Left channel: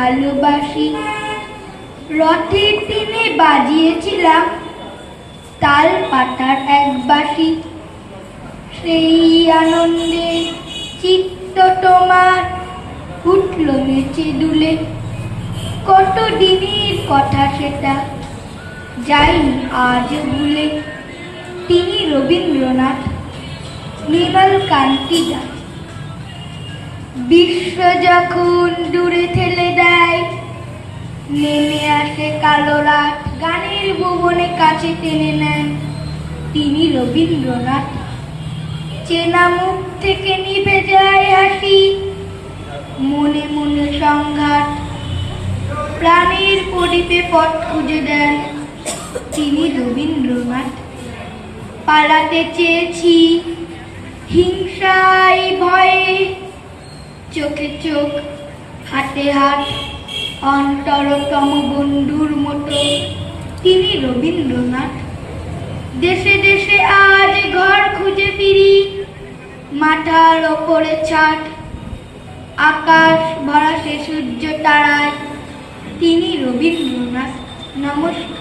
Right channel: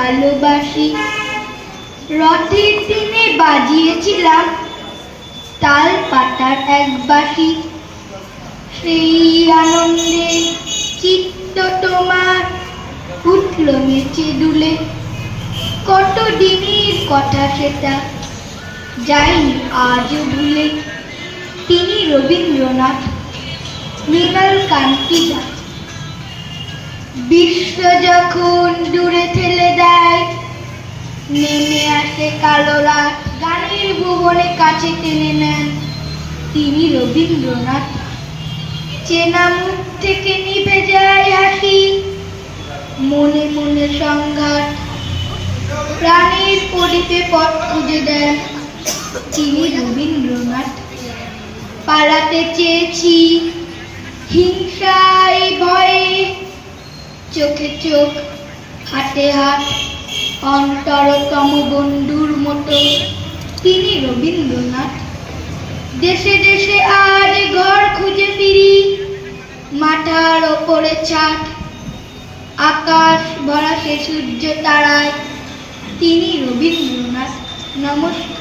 ভালোবাসি। রথের দিনে বাজিয়েছিলাম তাল পাতার এক বাঁশি, সেই আনন্দে চিত্ত তোমার উঠল নেচে দুলে। কত দিনের কথা সেটা, যাইনি আজ ভুলে। তিনি রবীন্দ্রনাথ। মৃণাল কান্তি দাস। বিশ্ব যখন দূরে ঠেলে দেয়, নেমে আসে কালো রাত, গানের ভুবনে কাছে টেনে নেন তিনি রবীন্দ্রনাথ। চেনা মুখ থেকে নিভে যায় হাসি, মনে মনে সংঘাত, প্রাণের প্রদীপে পথ খুঁজে দেন তিনি রবীন্দ্রনাথ। পালাতে চেয়েছি হিংসায় ভয়ে, চোখে চোখ হাতে হাত, অন্তরতম বন্ধুর মতো তিনি রবীন্দ্রনাথ। দেশে দেশে আজ ঘর খুঁজে ফিরি, মাথার ওপরে ছাদ, আকাশ ভরা সে সূর্য তারায় তিনি রবীন্দ্রনাথ। নমস্কার।